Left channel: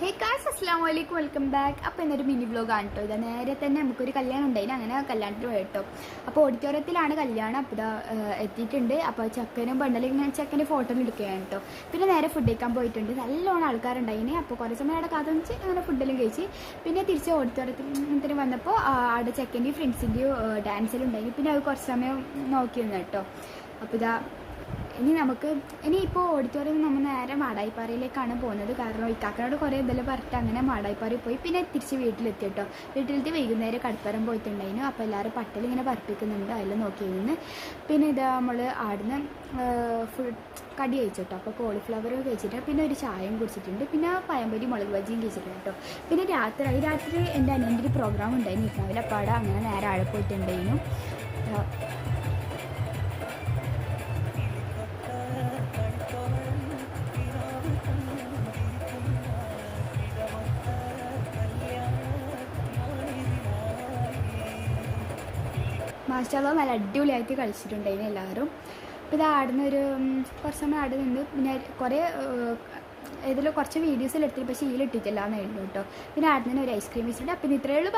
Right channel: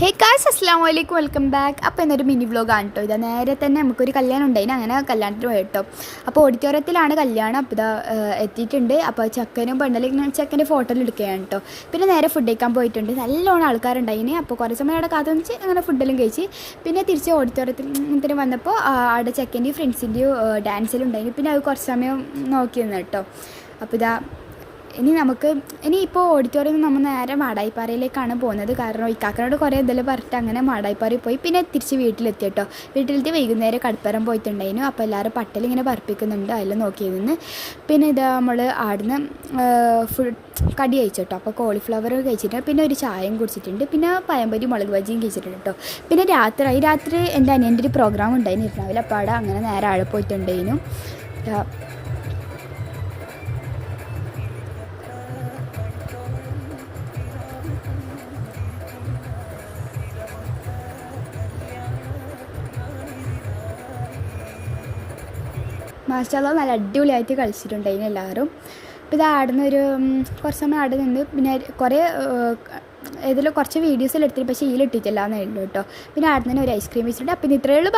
ഹേ കാസ് അസ്സാം വലൈക്കും വെൽക്കം ബാക്ക്. അപ്പോൾ ഇന്നൊരു മിനി വ്ലോഗാണ് കേട്ടോ. ഇതാ നേരെ തന്നെ നമുക്കൊരു കല്യാണം ഉണ്ടായിന്, അങ്ങനെ കല്യാണത്തിന് പോയി കേട്ടോ. അപ്പോൾ ഓഡിറ്റോറിയത്തിലാണ് കല്യാണം. അപ്പോൾ ഇതാ എത്തിയിട്ടുണ്ട്. അപ്പോൾ ചെക്കനും പെണ്ണലും ചെക്കൻ്റെ ഫോട്ടോ എടുക്കുകയാണ് കേട്ടോ. പിന്നെ നേരെ ഫുഡ് കഴിക്കാൻ പോയിട്ടുണ്ട്. നല്ലോണം ആൾക്കാരുണ്ടായിന്. അപ്പോൾ കുറേ സമയം അവിടെ കാത്തുവെച്ച് അങ്ങനെ ഫുഡെല്ലാം കഴിച്ച് പിന്നെ തിരിച്ച് ഓഡിറ്റോറിയത്തിൽ വന്നപ്പോൾ അവിടെ ചെക്കൻ്റെയും ഫ്രണ്ട്സിൻ്റെയും ഡാൻസിലും ഉണ്ടായിന്. പിന്നെ അത് കുറച്ച് സമയം നോക്കി നിന്ന് കേട്ടോ. അപ്പോൾ ഇതാ ഇനിയിപ്പോൾ ഓഡിറ്റോറിയം നമ്മൾ നേരെ മാടായിപ്പാറയിലേക്കാണ് പോകുന്നത്. കാരണം ഇക്കാക്കനോട് കുറേ എന്തെങ്കിലും പറഞ്ഞിട്ട് അങ്ങനെ മാടായിപ്പാറയിൽ പോയി പിന്നെ തിരിച്ച് വീട്ടിലെത്തി കേട്ടോ. വീട്ടിലെത്തി വൈകുന്നേരം കടപ്പുറം പോയിട്ടുണ്ടായിരുന്നു. അപ്പോൾ എല്ലാവരും പട്ടലിങ്ങനെ പറപ്പിക്കുന്നുണ്ട്, അതിൽ നോക്കി നിന്ന്. പിന്നെ ഇത് നമ്മൾ ആടുന്ന് ഫുൾ കടി കഴിച്ചു കേട്ടോ. അപ്പോൾ കോളിഫ്ലവർ കഴിച്ചിട്ടുണ്ട്, പിന്നെ ഒരു ചായയും കുടിച്ചിട്ടുണ്ട്, പിന്നെ പഴംപൊരി മുളക് ബജിയും കഴിച്ചിട്ടുണ്ട് കേട്ടോ. പിന്നെ രാത്രി എൻ്റെ അനിയൻ്റെ ഒരു പ്രോഗ്രാം ഉണ്ടായിരുന്നു രാവിലെ. അപ്പോൾ അവിടെ അങ്ങനെ നേരെ ആഴെ പോയിട്ടുണ്ടായിരുന്നു. മാഷാഅല്ലാഹ് നല്ല അടിപൊളിയായിട്ട് കളിച്ചിട്ടുണ്ടായിരുന്നു എല്ലാവരും. അപ്പോൾ ഇത് ആടുന്ന കുറച്ച് സമയം ആടെ നിന്ന് പിന്നെ ഇതിൽ കുറച്ച് വീഡിയോസിൽ എടുത്തിട്ട് പക്ഷേ ഇതിലിട്ടിട്ടില്ല എന്നേ ഉള്ളൂ കേട്ടോ. പിന്നെ ആടുന്നതിന് ഒരു ഐസ്ക്രീം വെച്ചിട്ടുണ്ട്. അപ്പം ഇത്രയേ ഉള്ളൂ.